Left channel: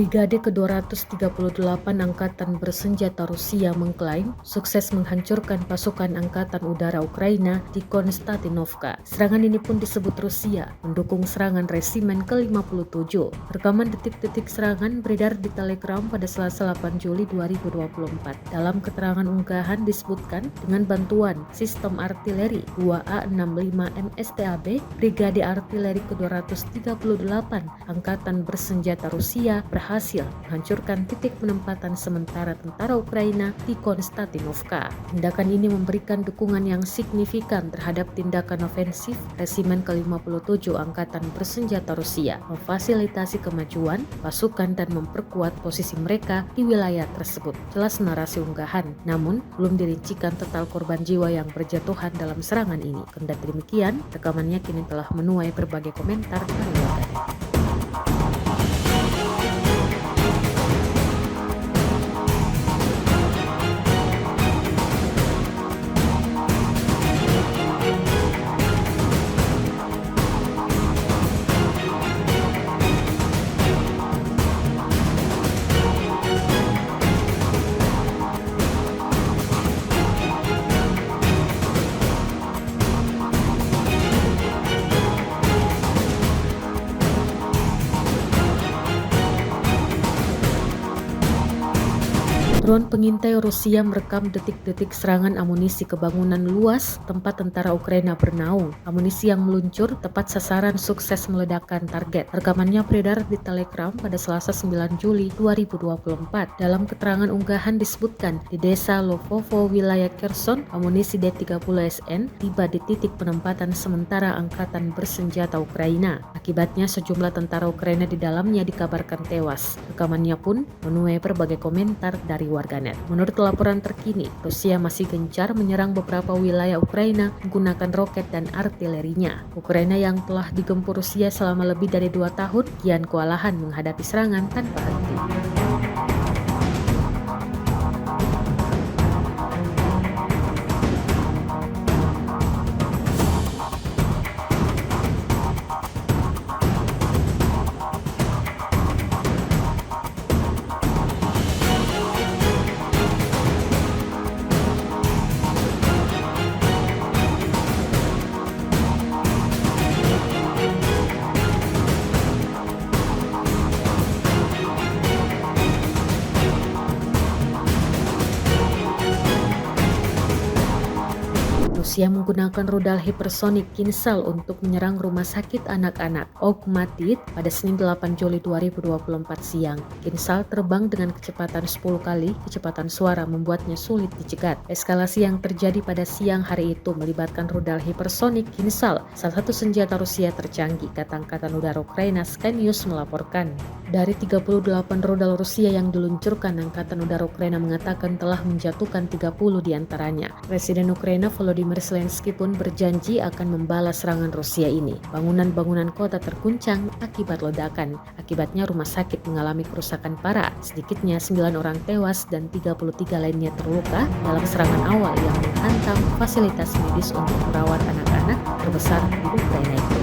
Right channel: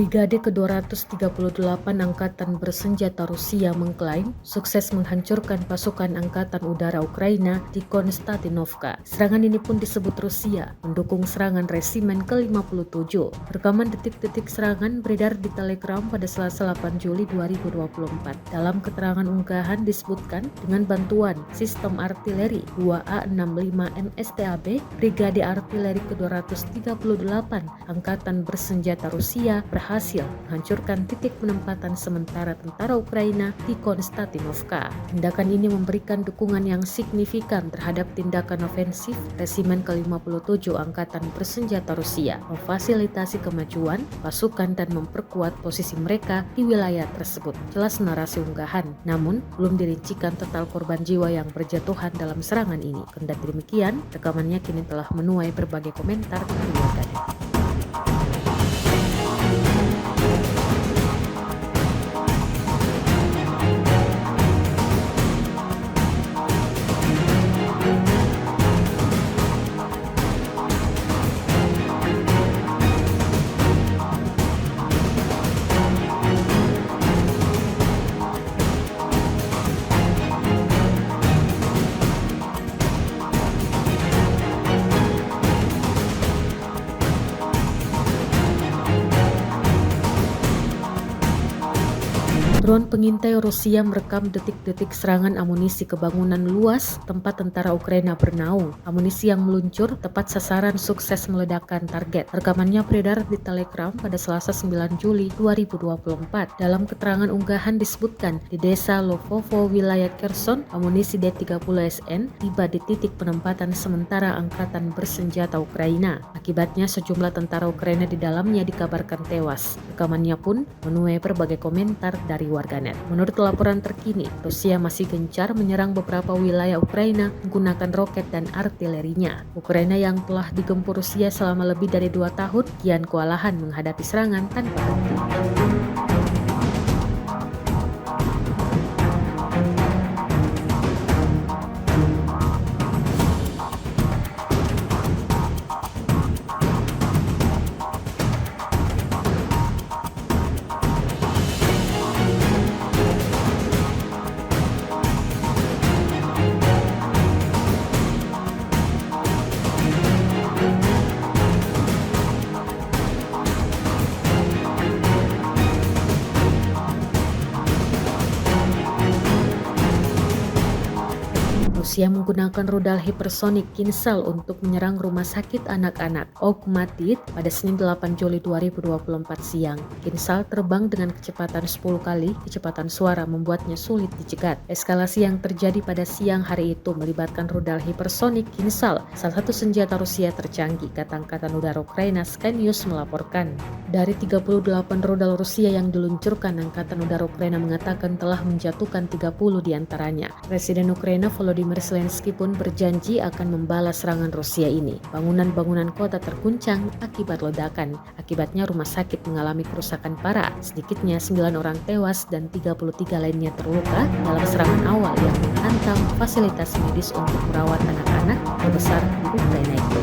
Brigade ke-238 Angkatan Bersenjata Rusia mengklaim sukses menghancurkan pasukan Angkatan Udara Ukraina di Konstantinovka. Serangan ini pun disebut Rusia mendukung serangan resimen ke-57. Rekaman detik-detik serangan beredar di Telegram pada Selasa 8 Juli 2024. Dalam keterangan unggahan disebutkan dengan bantuan sistem artileri 2A65 MSTAB, Brigade Artileri ke-238 Angkatan Bersenjata Rusia berhasil menghancurkan titik penempatan sementara tentara Ukraina di Konstantinovka. Tindakan ini memberikan dukungan yang signifikan terhadap tindakan ofensif resimen ke-57 Angkatan Bersenjata Rusia, memfasilitasi kemajuan pasukan dan memperkuat posisi mereka di wilayah tersebut. Jelas narasi unggahan, namun belum dirincikan total korban jiwa yang berjatuhan dalam serangan ini. Kendati demikian, rekamannya kini telah menuai berbagai komentar dari warganet. Drone pengintai Rusia merekam detik-detik serangan amunisi ke bangunan luas tempat tentara Ukraina bernaung. Amunisi yang meluncur tepat sasaran sukses meledakkan target. Rekamannya beredar di Telegram pada Selasa 9 Juli 2024. Dalam keterangan unggahan disebutkan di desa Lovovo, wilayah Kherson, amunisi D-30SN tiba di titik penempatan sementara Angkatan Bersenjata Ukraina. Akibatnya sejumlah tentara Ukraina di dalamnya dikabarkan tewas. Rekamannya pun menuai berbagai komentar dari warganet. Menurut laporan terkini, Rusia masih gencar menyerang beberapa wilayah Ukraina menggunakan roket dan artilerinya. Ukraina yang telah digempur Rusia selama lebih dari 2 tahun kian kewalahan menghadapi serangan tanpa henti. Rusia menggunakan rudal hipersonik Kinzhal untuk menyerang rumah sakit anak-anak Okhmatdit pada Senin 8 Juli 2024 siang. Kinzhal terbang dengan kecepatan 10 kali kecepatan suara membuatnya sulit dicegat. Eskalasi yang terjadi pada siang hari itu melibatkan rudal hipersonik Kinzhal, salah satu senjata Rusia tercanggih, kata Angkatan Udara Ukraina. Sky News melaporkan. Dari 38 rudal Rusia yang diluncurkan, Angkatan Udara Ukraina mengatakan telah menjatuhkan 30 diantaranya. Presiden Ukraina Volodymyr Zelensky pun berjanji akan membalas serangan Rusia ini. Bangunan-bangunan kota terguncang akibat ledakan. Akibatnya rumah sakit mengalami kerusakan parah. Sedikitnya 9 orang tewas dan 33 lainnya terluka dalam serangan awal yang menghantam fasilitas medis untuk merawat anak-anak terbesar di Ukraina itu.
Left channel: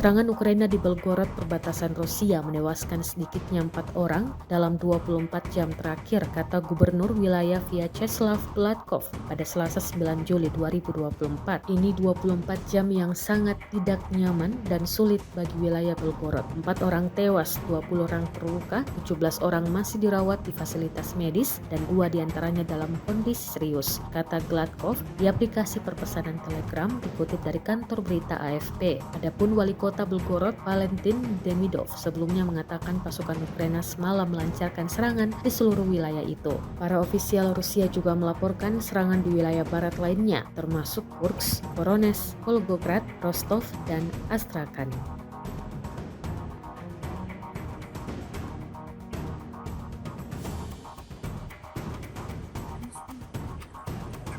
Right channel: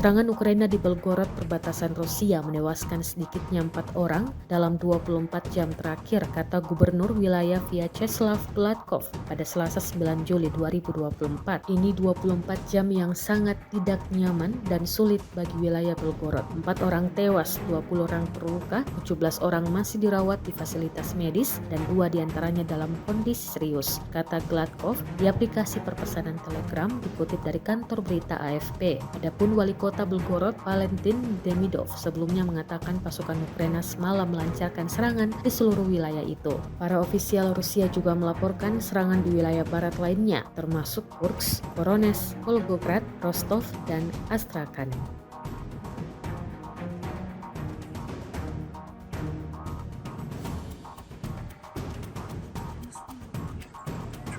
Serangan Ukraina di Belgorod, perbatasan Rusia, menewaskan sedikitnya 4 orang dalam 24 jam terakhir, kata Gubernur wilayah Vyacheslav Gladkov pada Selasa 9 Juli 2024. Ini 24 jam yang sangat tidak nyaman dan sulit bagi wilayah Belgorod. 4 orang tewas, 20 orang terluka, 17 orang masih dirawat di fasilitas medis, dan 2 diantaranya dalam kondisi serius, kata Gladkov di aplikasi perpesanan Telegram dikutip dari kantor berita AFP. Adapun wali kota Belgorod, Valentin Demidov, sebelumnya mengatakan pasukan Ukraina semalam melancarkan serangan di seluruh wilayah itu. Para ofisial Rusia juga melaporkan serangan di wilayah barat lainnya, termasuk Kursk, Voronezh, Volgograd, Rostov, dan Astrakhan.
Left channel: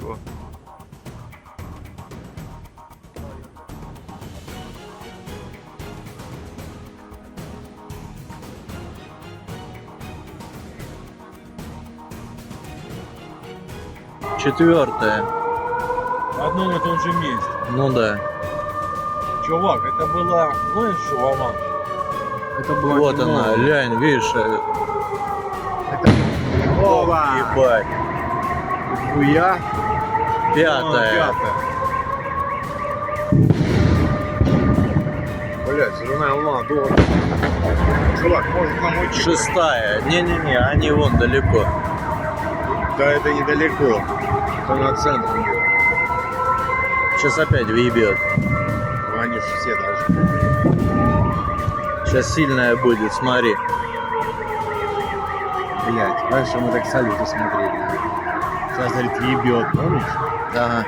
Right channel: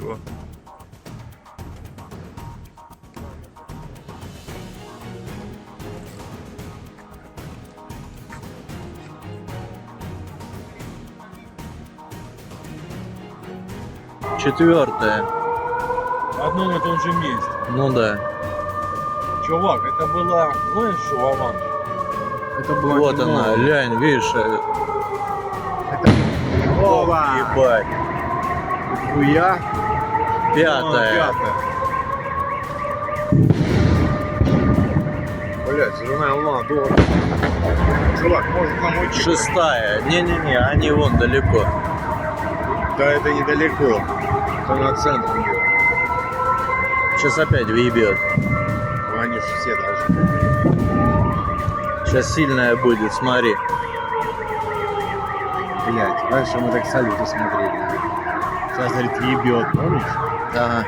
Чего? Четвертое. В одном и том же месте. Ну да. Чувак, это была, знаешь, что, Вован? Это была Вот не она, новая. лянь, видишь? Вова! Ебать. Хуя? Пятое. Пятая. Блять, зеленая луна, долго. Чувак, может нам уйти? Шестая. Не-не-не, они вон далеко. Да это недалеко. Это на центр. Сейчас опять въебет. Ну, они же все должны. Сейчас сильная будет, смотри. Блять, раньше мы так салюты смотрели. Сейчас, говорит, ебет, помнишь? Ага.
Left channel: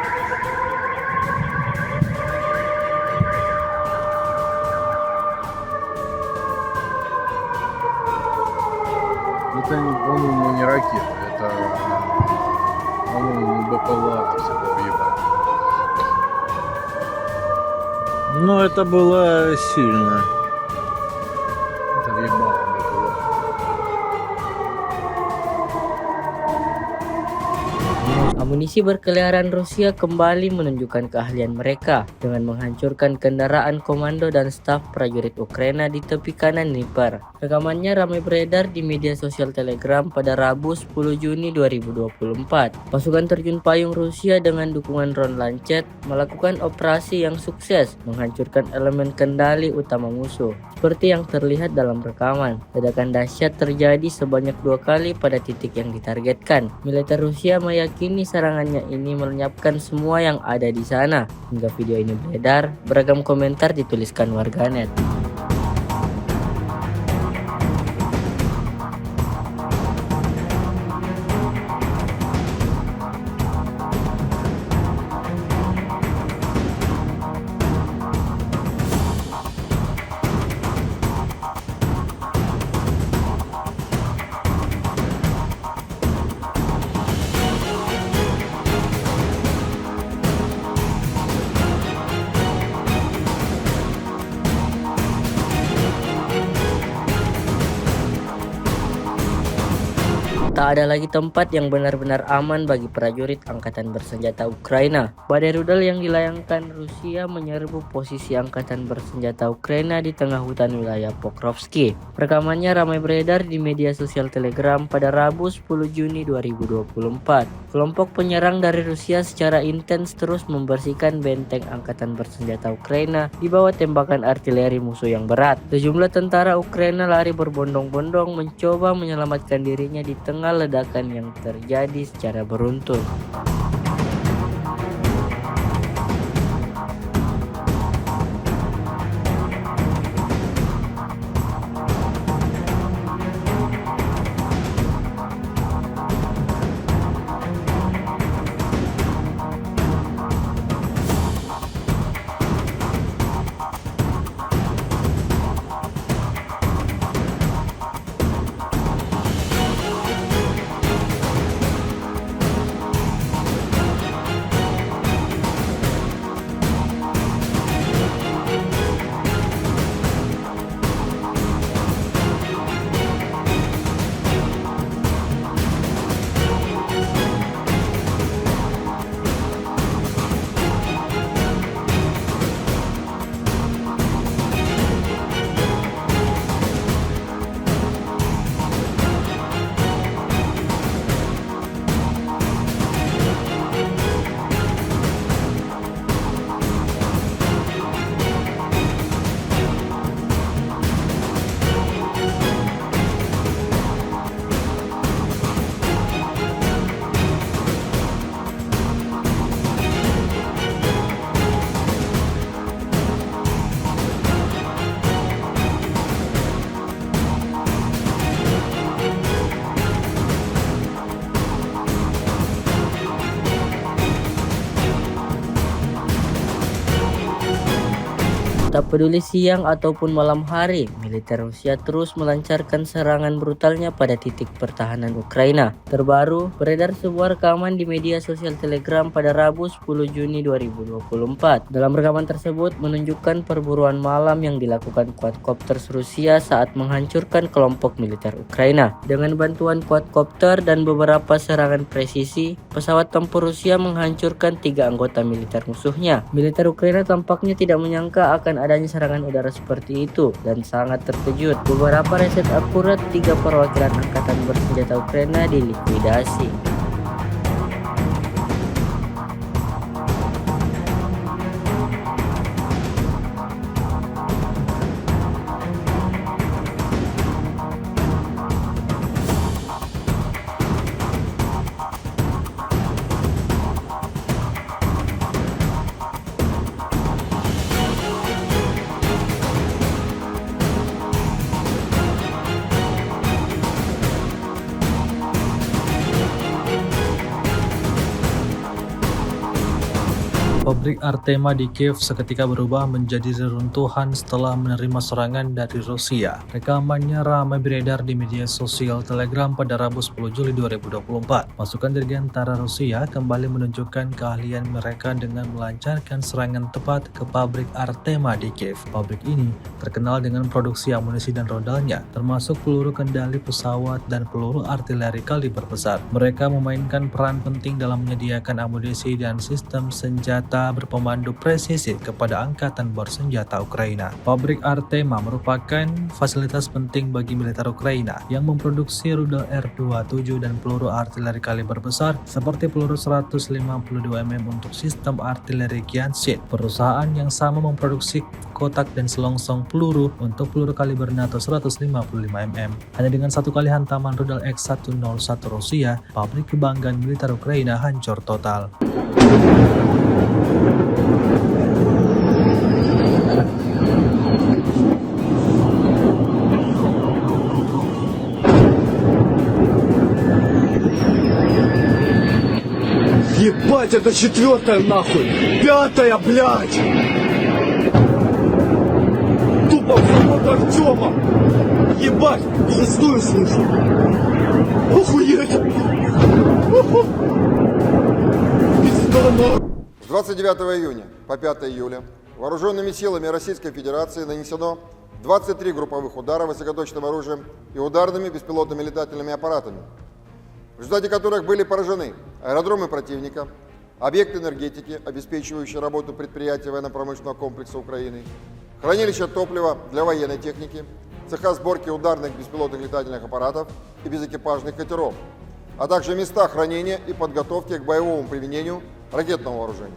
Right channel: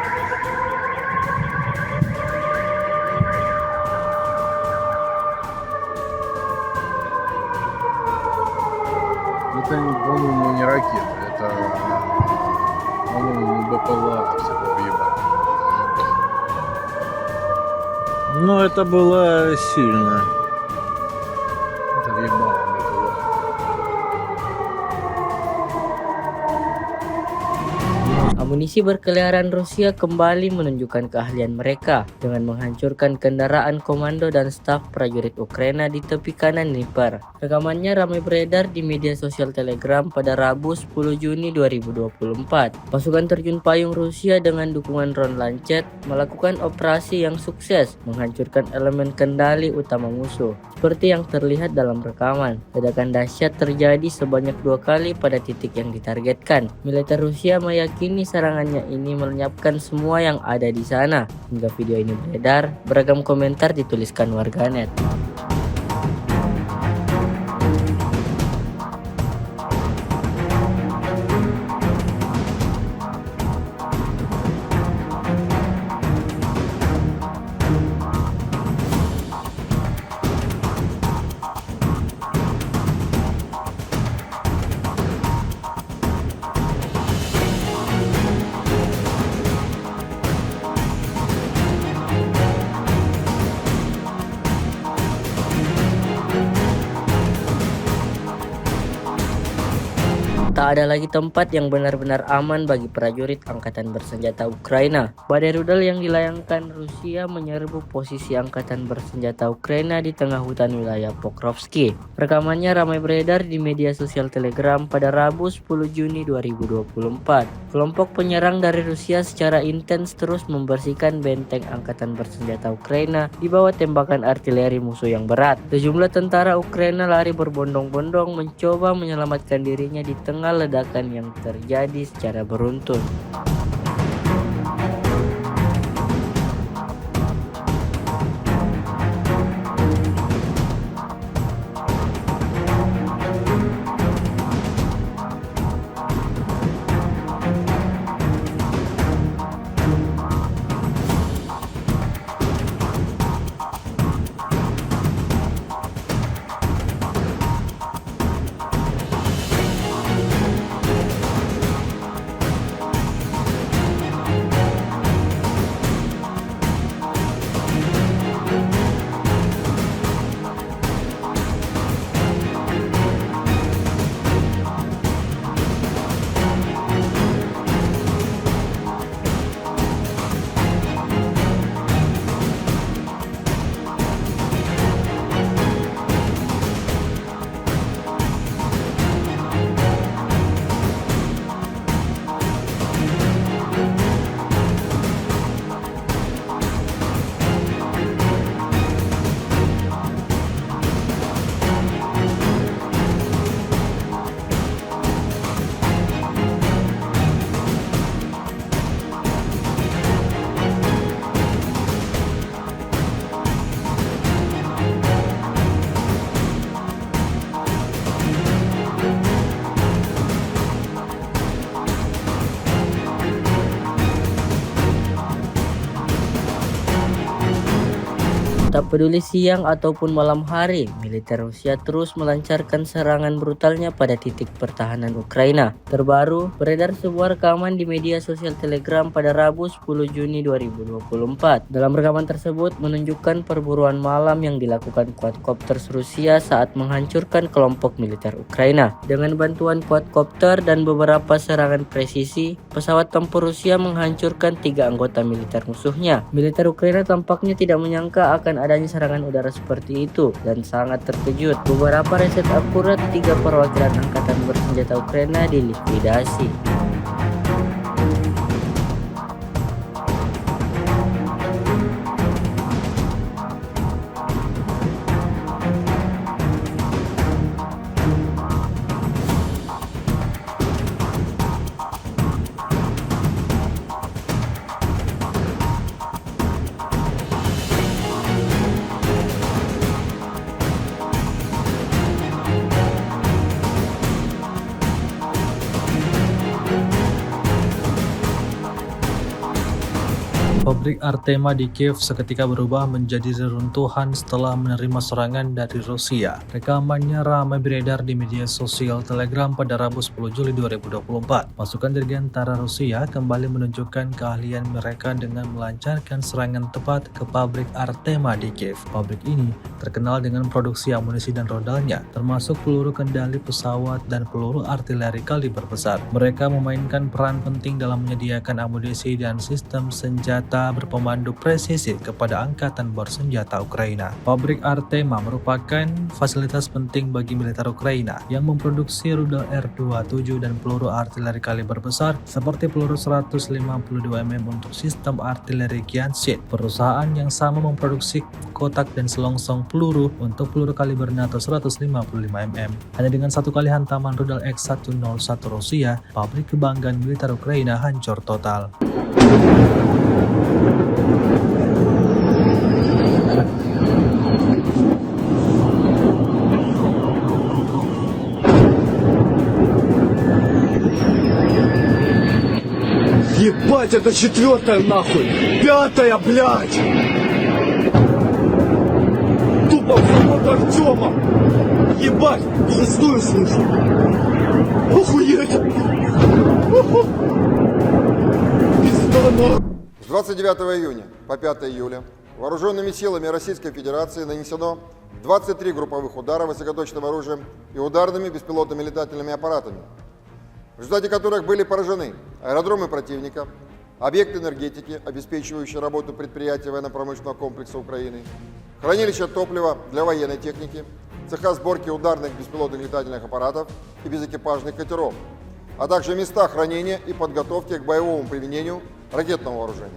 Это, по-моему, не ракета. Это, по-моему, БПЛА все въебать. Ну, это было сильно. Это въебало БПЛА. Amunisi berkeliaran Rusia kembali menunjukkan keahlian mereka dengan menghancurkan kendaraan komando dan staf prajurit Ukraina di tepi kanan Dnieper. Rekamannya ramai beredar di media sosial Telegram pada Rabu 10 Juni 2024. Pasukan terjun payung Rusia dengan dukungan drone Lancet melakukan operasi yang sukses menghancurkan elemen kendali utama musuh. Seperti yang terlihat dalam rekaman, ledakan dahsyat terjadi sebanyak 2 kali pada titik yang ditargetkan. Militer Rusia meyakini serangannya ini melenyapkan semua yang ada di sana. Hingga video ini beredar, beragam komentar dituliskan warganet. Tak ada lagi tempat yang benar-benar aman bagi prajurit angkatan bersenjata Ukraina. Badai rudal yang dilayangkan Rusia menyerbu posisi angkatan bersenjata Ukraina di tengah hutan wilayah Pokrovsky. Rekamannya ramai beredar di media sosial Telegram pada Rabu 10 Juni 2024. Kelompok penyerang dari Rusia secara intens terus membersihkan benteng angkatan bersenjata Ukraina di bawah tembakan artileri musuh yang berat. Sejumlah tentara Ukraina lari berbondong-bondong mencoba menyelamatkan dirinya di tengah ledakan yang terjadi secara beruntun. Tak peduli siang ataupun malam hari, militer Rusia terus melancarkan serangan brutalnya pada titik pertahanan Ukraina. Terbaru, beredar sebuah rekaman di media sosial Telegram pada Rabu 10 Juni 2024. Dalam rekaman tersebut menunjukkan perburuan malam yang dilakukan quadcopters Rusia saat menghancurkan kelompok militer Ukraina. Dengan bantuan quadcopter dan beberapa serangan presisi, pesawat tempur Rusia menghancurkan 3 anggota militer musuhnya. Militer Ukraina tampaknya tidak menyangka akan adanya serangan udara seperti itu dan sangat terkejut. Beberapa riset akurat 3 perwakilan angkatan bersenjata Ukraina dilikuidasi. Pabrik Artema di Kiev seketika berubah menjadi reruntuhan setelah menerima serangan dari Rusia. Rekamannya ramai beredar di media sosial Telegram pada Rabu 10 Juli 2024. Pasukan dirgantara Rusia kembali menunjukkan keahlian mereka dengan melancarkan serangan tepat ke pabrik Artema di Kiev. Pabrik ini terkenal dengan produksi amunisi dan rodalnya, termasuk peluru kendali pesawat dan peluru artileri kaliber besar. Mereka memainkan peran penting dalam menyediakan amunisi dan sistem senjata berpemandu presisi kepada angkatan bersenjata Ukraina. Pabrik Artema merupakan fasilitas penting bagi militer Ukraina yang memproduksi rudal R-27 dan peluru artileri kaliber besar seperti peluru 152 mm untuk sistem artileri Gianchyt. Perusahaan yang sama memproduksi kotak dan selongsong peluru untuk peluru kaliber NATO 155 mm. Hanya dengan satu kali hantaman rudal X-101 Rusia, pabrik kebanggaan militer Ukraina hancur total. Ебать, это 4-я нахуй! 5-я, блядь! Тупо завод Артема! Ебать, 6-ю слышу! Охуеть! С 29 июня по 5 июля вооруженными силами Российской Федерации нанесено 23 групповых удара высокоточным оружием и ударными беспилотными летательными аппаратами, в результате которых были поражены аэродромы противника, объекты энергетики, обеспечивающие работу предприятий военно-промышленного комплекса Украины, хранилища топлива для военной техники, цеха сборки ударных беспилотных летательных аппаратов и безэкипажных катеров, а также места хранения и подготовки к боевому применению ракетного вооружения.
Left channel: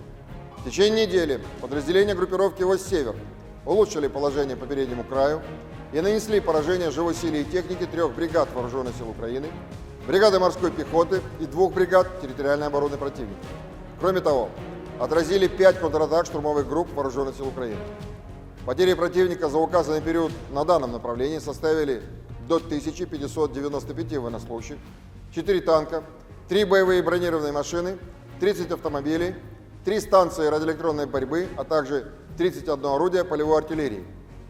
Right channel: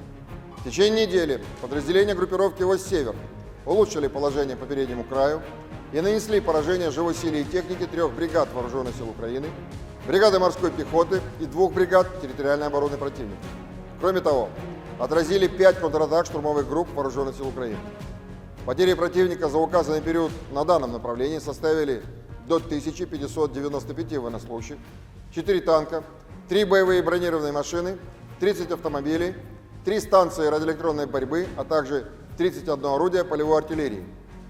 В течение недели подразделения группировки «Вось-Север» улучшили положение по переднему краю и нанесли поражение живой силе и технике 3 бригад Вооруженных сил Украины, бригады морской пехоты и 2 бригад территориальной обороны противника. Кроме того, отразили 5 контратак штурмовых групп Вооруженных сил Украины. Потери противника за указанный период на данном направлении составили до 1595 военнослужащих, 4 танка, 3 боевые бронированные машины, 30 автомобилей, 3 станции радиоэлектронной борьбы, а также 31 орудие полевой артиллерии,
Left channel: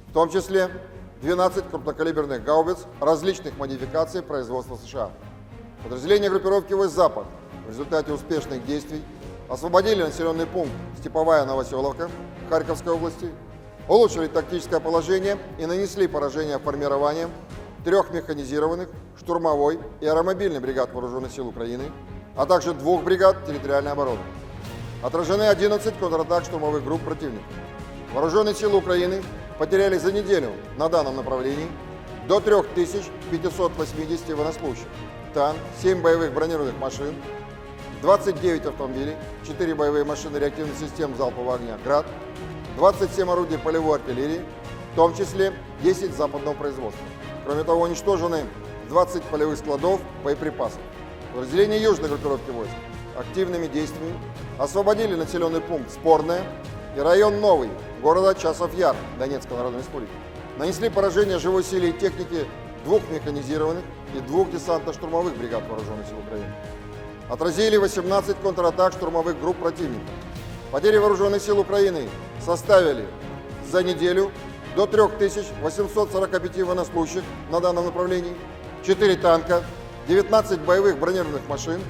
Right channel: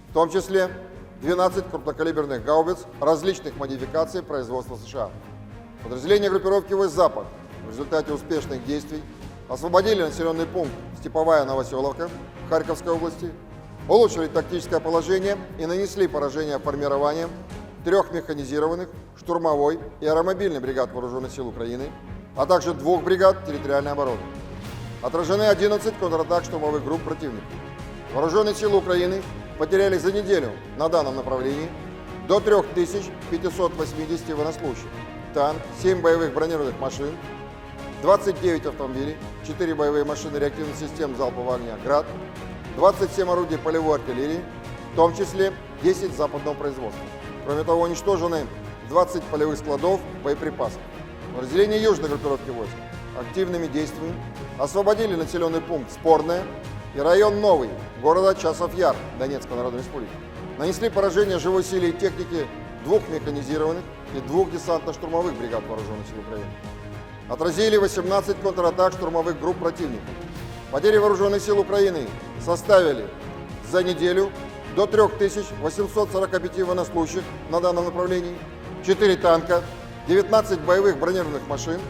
в том числе 12 крупнокалиберных гаубиц различных модификаций производства США. Подразделения группировки «Вось-Запад» в результате успешных действий освободили населенный пункт Степовая Новоселовка Харьковской области, улучшили тактическое положение и нанесли поражение формированием 3 механизированных, штурмовой и аэромобильных бригад Вооруженных сил Украины, а также 2 бригад территориальной обороны. Отражены 11 контратак штурмовых групп противника. Вооруженные силы Украины потеряли за неделю на данном направлении до 3580 военнослужащих, танк, 7 боевых бронированных машин, 29 автомобилей, 4 боевые машины реактивных систем залпового огня «Град», 27 орудий полевой артиллерии, в том числе 10 западного производства. Кроме того, уничтожены 20 полевых складов боеприпасов. Подразделения южной группировки войск активными действиями освободили населенный пункт Спорное и район Новый города Часов-Яр Донецкой Народной Республики. Нанесли поражение живой силе и технике 2 механизированных и 2 десантно-штурмовых бригад Вооруженных сил Украины. Отразили 18 контратак штурмовых групп противника. Потери Вооруженных сил Украины составили за неделю до 3845 военнослужащих на данном направлении, 4 танка, 19 боевых бронированных машин,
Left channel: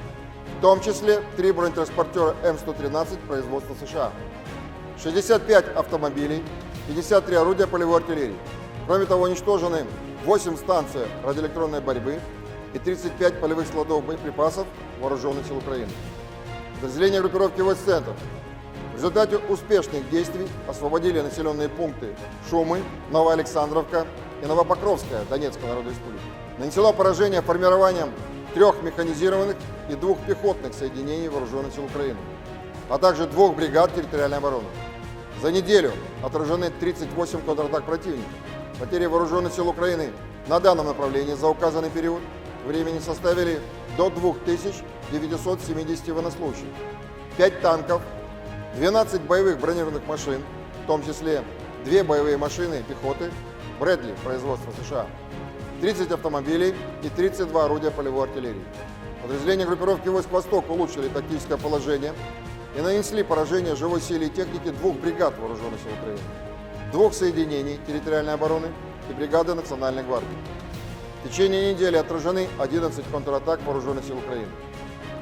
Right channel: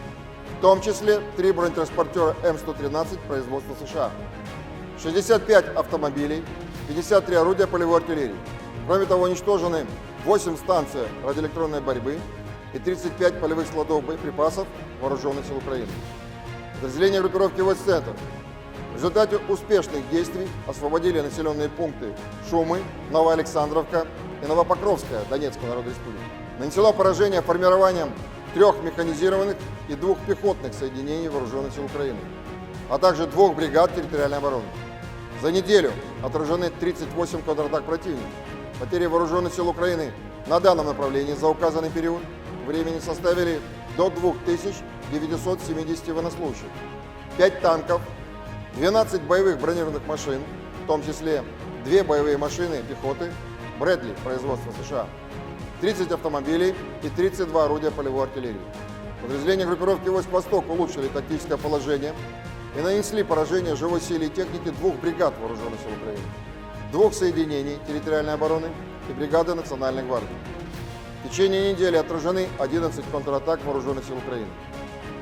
в том числе 3 бронетранспортера М113 производства США, 65 автомобилей, 53 орудия полевой артиллерии. Кроме того, уничтожены 8 станций радиоэлектронной борьбы и 35 полевых складов боеприпасов Вооруженных сил Украины. Подразделения группировки войск «Центр» в результате успешных действий освободили населенные пункты Шумы, Новоалександровка и Новопокровская Донецкой Народной Республики. Нанесено поражение формированием 3 механизированных и 2 пехотных соединений Вооруженных сил Украины, а также 2 бригад территориальной обороны. За неделю отражены 38 контратак противника. Потери Вооруженных сил Украины на данном направлении за указанный период времени составили до 2970 военнослужащих, 5 танков, 12 боевых бронированных машин, в том числе 2 боевые машины пехоты Брэдли производства США, 30 автомобилей и 32 орудия полевой артиллерии. Подразделения группировки войск «Восток» улучшили тактическое положение и нанесли поражение живой силе и технике 2 бригад Вооруженных сил Украины, 2 соединений территориальной обороны и бригады Национальной гвардии. В течение недели отражены 11 контратак Вооруженных сил Украины.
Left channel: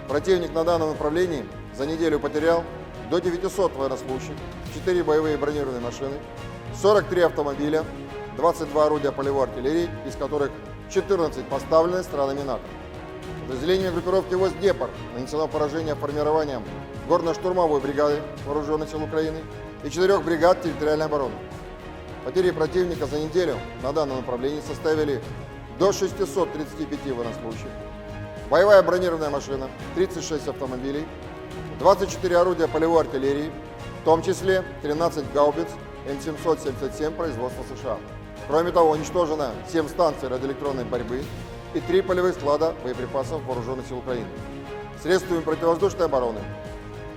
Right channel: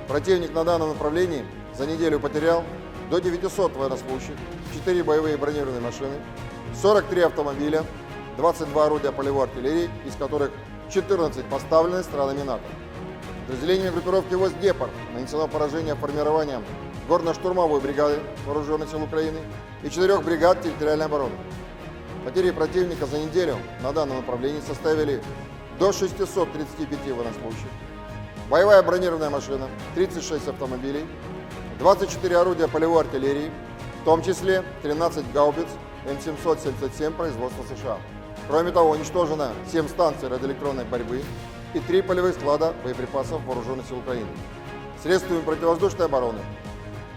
Противник на данном направлении за неделю потерял до 900 военнослужащих, 4 боевые бронированные машины, 43 автомобиля, 22 орудия полевой артиллерии, из которых 14 поставлены странами НАТО. Подразделениями группировки войск «Днепр» нанесено поражение формированием горно-штурмовой бригады Вооруженных сил Украины и 4 бригад территориальной обороны. Потери противника за неделю на данном направлении составили до 635 военнослужащих, боевая бронированная машина, 36 автомобилей, 24 орудия полевой артиллерии, в том числе 13 гаубиц М777 производства США. Кроме того, уничтожено 7 станций радиоэлектронной борьбы и 3 полевых склада боеприпасов Вооруженных сил Украины. Средствами противовоздушной обороны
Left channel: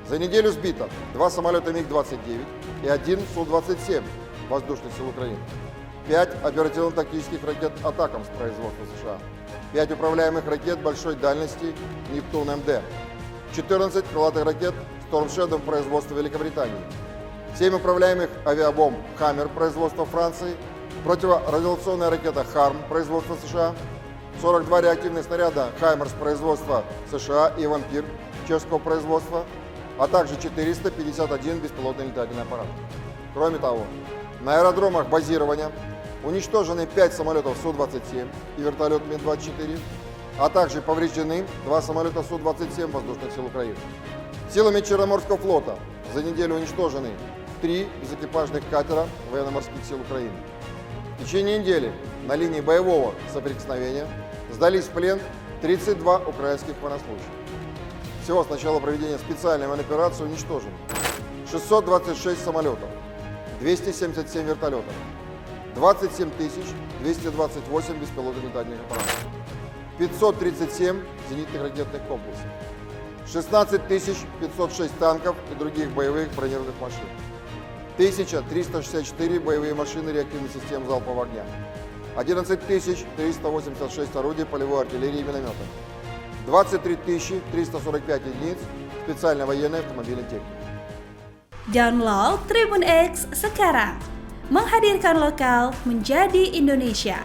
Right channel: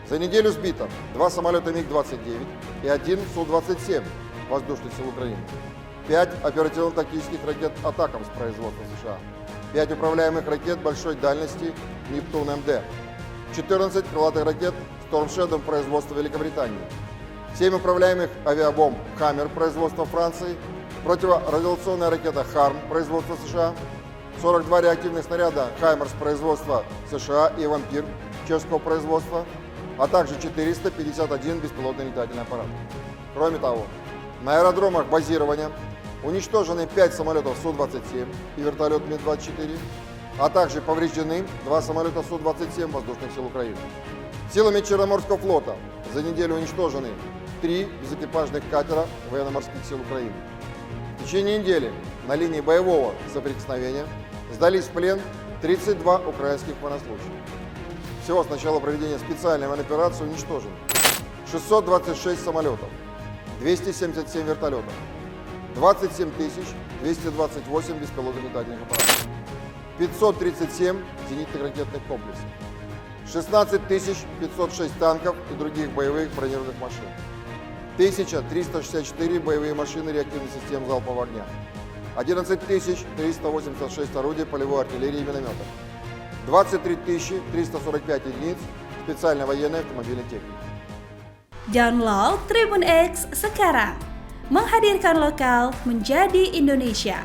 за неделю сбито 2 самолета МиГ-29 и 1 Су-27 Воздушных сил Украины, 5 оперативно-тактических ракет «Атакамс» производства США, 5 управляемых ракет большой дальности «Нептун МД», 14 крылатых ракет «Storm Shadow» производства Великобритании, 7 управляемых авиабомб «Хаммер» производства Франции, противорадиационная ракета «Харм» производства США, 42 реактивных снаряда «Хаймерс» производства США и «Вампир» чешского производства, а также 451 беспилотный летательный аппарат. Кроме того, на аэродромах базирования уничтожены 5 самолетов Су-27 и вертолет Ми-24, а также повреждены 2 самолета Су-27 Воздушных сил Украины. Силами Черноморского флота за неделю уничтожены 3 безэкипажных катера военно-морских сил Украины. В течение недели на линии боевого соприкосновения сдались в плен 32 украинских военнослужащих. Всего с начала проведения специальной военной операции уничтожено 626 самолетов, 277 вертолетов, 27 228 беспилотных летательных аппаратов, 537 зенитных ракетных комплексов, 16 506 танков и других боевых бронированных машин, 1364 боевые машины реактивной системы залпового огня, 11 386 орудий полевой артиллерии и минометов, 23 345 единиц специальной военной автомобильной техники. Download Tribun X sekarang, menghadirkan lokal menjadi Indonesia.